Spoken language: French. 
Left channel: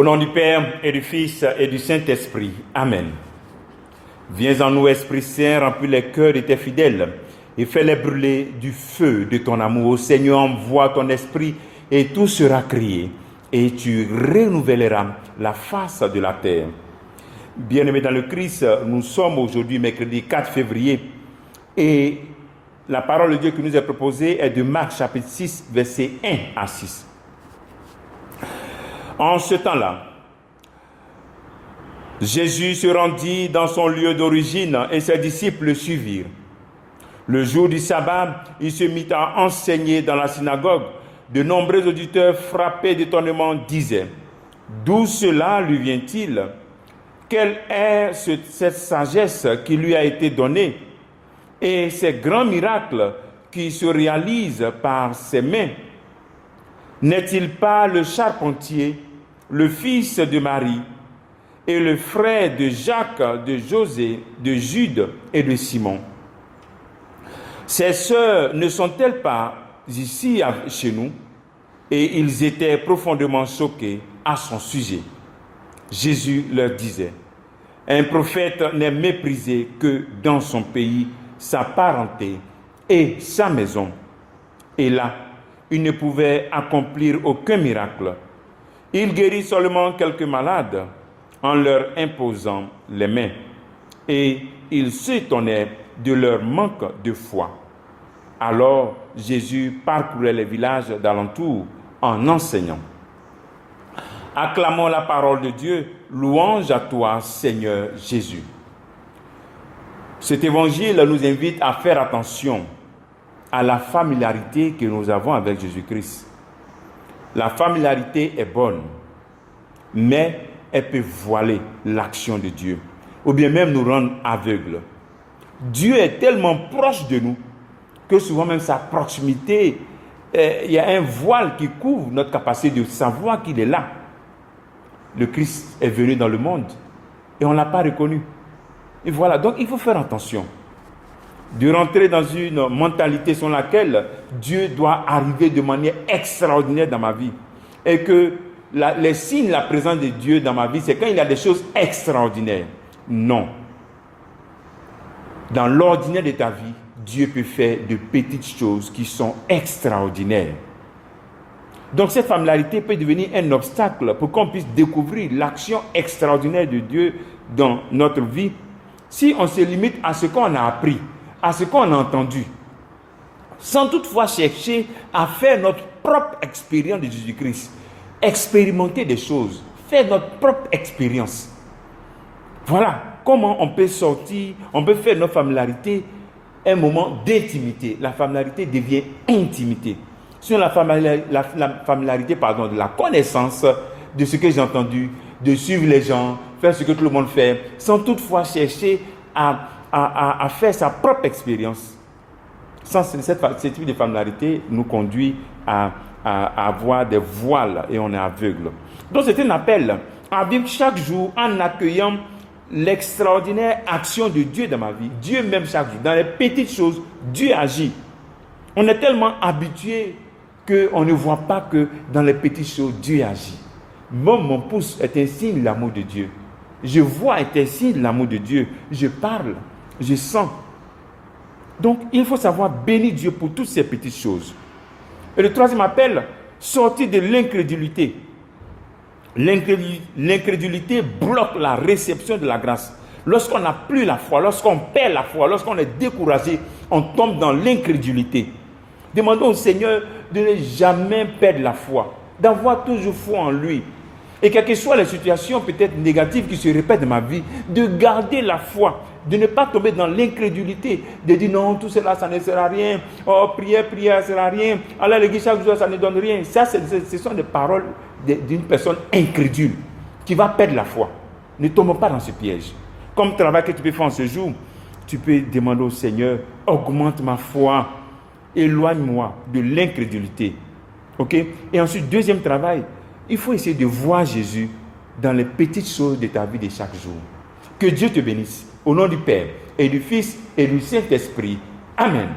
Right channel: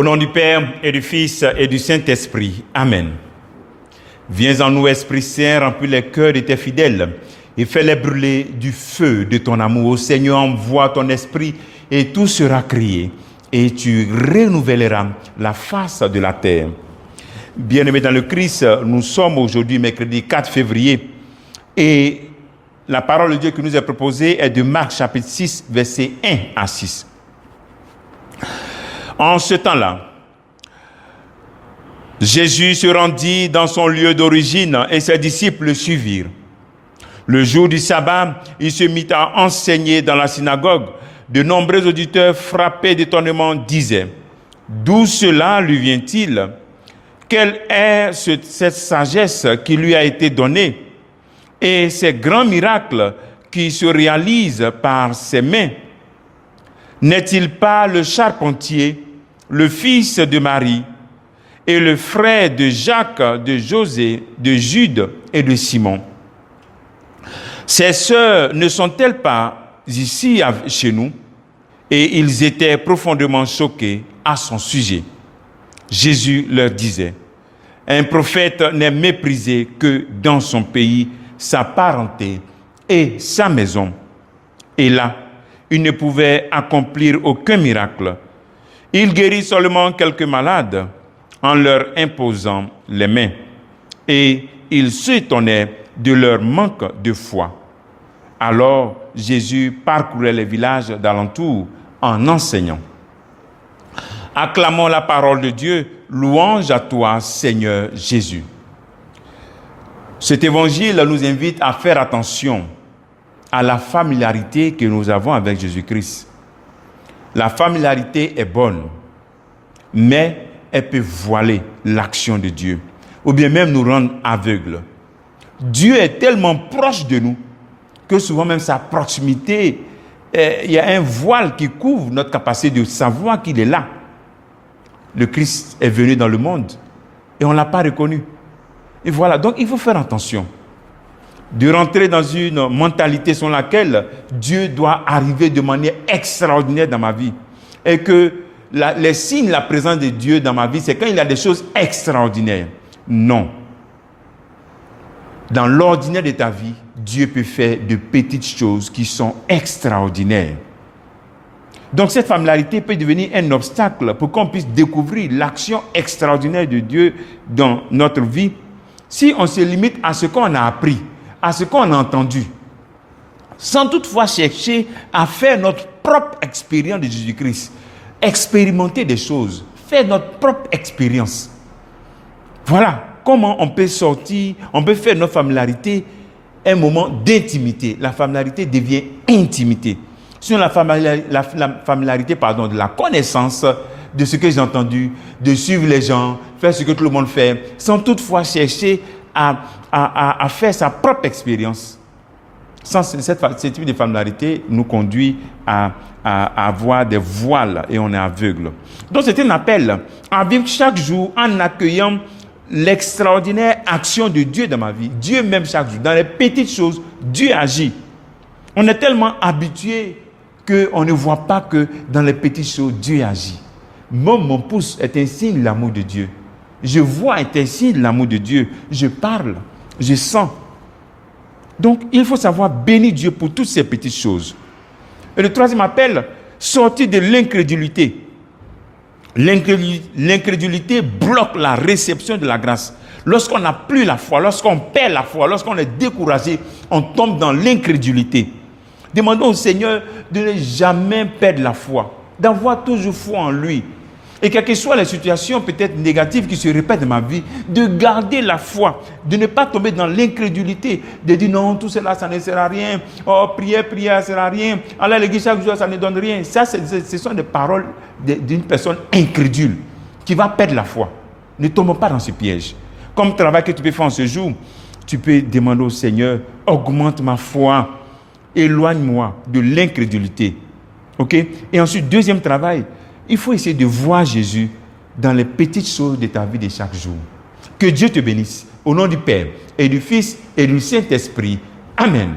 Au nom du Père et du Fils et du Saint-Esprit. Amen. Viens en nous, Esprit Saint, remplis les cœurs de tes fidèles et fais-les brûler du feu de ton amour. Ô Seigneur, envoie ton esprit et tout sera créé et tu renouvelleras la face de la terre. Bien-aimés dans le Christ, nous sommes aujourd'hui mercredi 4 février et la parole de Dieu qui nous est proposée est de Marc chapitre 6, versets 1 à 6. En ce temps-là, Jésus se rendit dans son lieu d'origine et ses disciples le suivirent. Le jour du sabbat, il se mit à enseigner dans la synagogue. De nombreux auditeurs frappés d'étonnement disaient « D'où cela lui vient-il? Quelle est cette sagesse qui lui a été donnée et ces grands miracles qui se réalisent par ses mains? N'est-il pas le charpentier, le fils de Marie et le frère de Jacques, de José, de Jude et de Simon? Ses sœurs ne sont-elles pas ici chez nous? » Et ils étaient profondément choqués à son sujet. Jésus leur disait, « Un prophète n'est méprisé que dans son pays, sa parenté et sa maison. » Et là, il ne pouvait accomplir aucun miracle. Il guérit seulement quelques malades en leur imposant les mains. Et il s'étonnait de leur manque de foi. Alors Jésus parcourait les villages d'alentour en enseignant. Acclamons la parole de Dieu, louange à toi, Seigneur Jésus. Cet évangile nous invite à faire attention à la familiarité que nous avons avec Jésus-Christ. La familiarité est bonne, mais elle peut voiler l'action de Dieu, ou bien même nous rendre aveugles. Dieu est tellement proche de nous que souvent même sa proximité, il y a un voile qui couvre notre capacité de savoir qu'il est là. Le Christ est venu dans le monde et on ne l'a pas reconnu. Et voilà, donc il faut faire attention de rentrer dans une mentalité selon laquelle Dieu doit arriver de manière extraordinaire dans ma vie. Et que les signes de la présence de Dieu dans ma vie, c'est quand il y a des choses extraordinaires. Non. Dans l'ordinaire de ta vie, Dieu peut faire de petites choses qui sont extraordinaires. Donc cette familiarité peut devenir un obstacle pour qu'on puisse découvrir l'action extraordinaire de Dieu dans notre vie si on se limite à ce qu'on a appris, à ce qu'on a entendu, sans toutefois chercher à faire notre propre expérience de Jésus-Christ, expérimenter des choses, faire notre propre expérience. Voilà comment on peut sortir, on peut faire notre familiarité un moment d'intimité. La familiarité devient intimité. Sur la familiarité, de la connaissance de ce que j'ai entendu, de suivre les gens, faire ce que tout le monde fait, sans toutefois chercher à faire sa propre expérience. Sans ce type de familiarité nous conduit à avoir des voiles et on est aveugle. Donc c'est un appel à vivre chaque jour en accueillant l'extraordinaire action de Dieu dans ma vie. Dieu même chaque jour. Dans les petites choses, Dieu agit. On est tellement habitué qu'on ne voit pas que dans les petites choses, Dieu agit. Mon pouce est un signe de l'amour de Dieu. Je vois est un signe de l'amour de Dieu. Je parle, je sens. Donc, il faut savoir bénir Dieu pour toutes ces petites choses. Et le troisième appel, sortir de l'incrédulité. L'incrédulité bloque la réception de la grâce. Lorsqu'on n'a plus la foi, lorsqu'on perd la foi, lorsqu'on est découragé, on tombe dans l'incrédulité. Demandons au Seigneur de ne jamais perdre la foi, d'avoir toujours foi en lui. Et quelles que soient les situations peut-être négatives qui se répètent dans ma vie, de garder la foi, de ne pas tomber dans l'incrédulité, de dire non, tout cela, ça ne sert à rien. Oh, prière, ça ne sert à rien. Aller à l'église chaque jour, ça ne donne rien. Ça, ce sont des paroles d'une personne incrédule qui va perdre la foi. Ne tombe pas dans ce piège. Comme travail que tu peux faire en ce jour, tu peux demander au Seigneur, augmente ma foi, éloigne-moi de l'incrédulité. Ok? Et ensuite, deuxième travail, il faut essayer de voir Jésus dans les petites choses de ta vie de chaque jour. Que Dieu te bénisse. Au nom du Père et du Fils et du Saint-Esprit. Amen.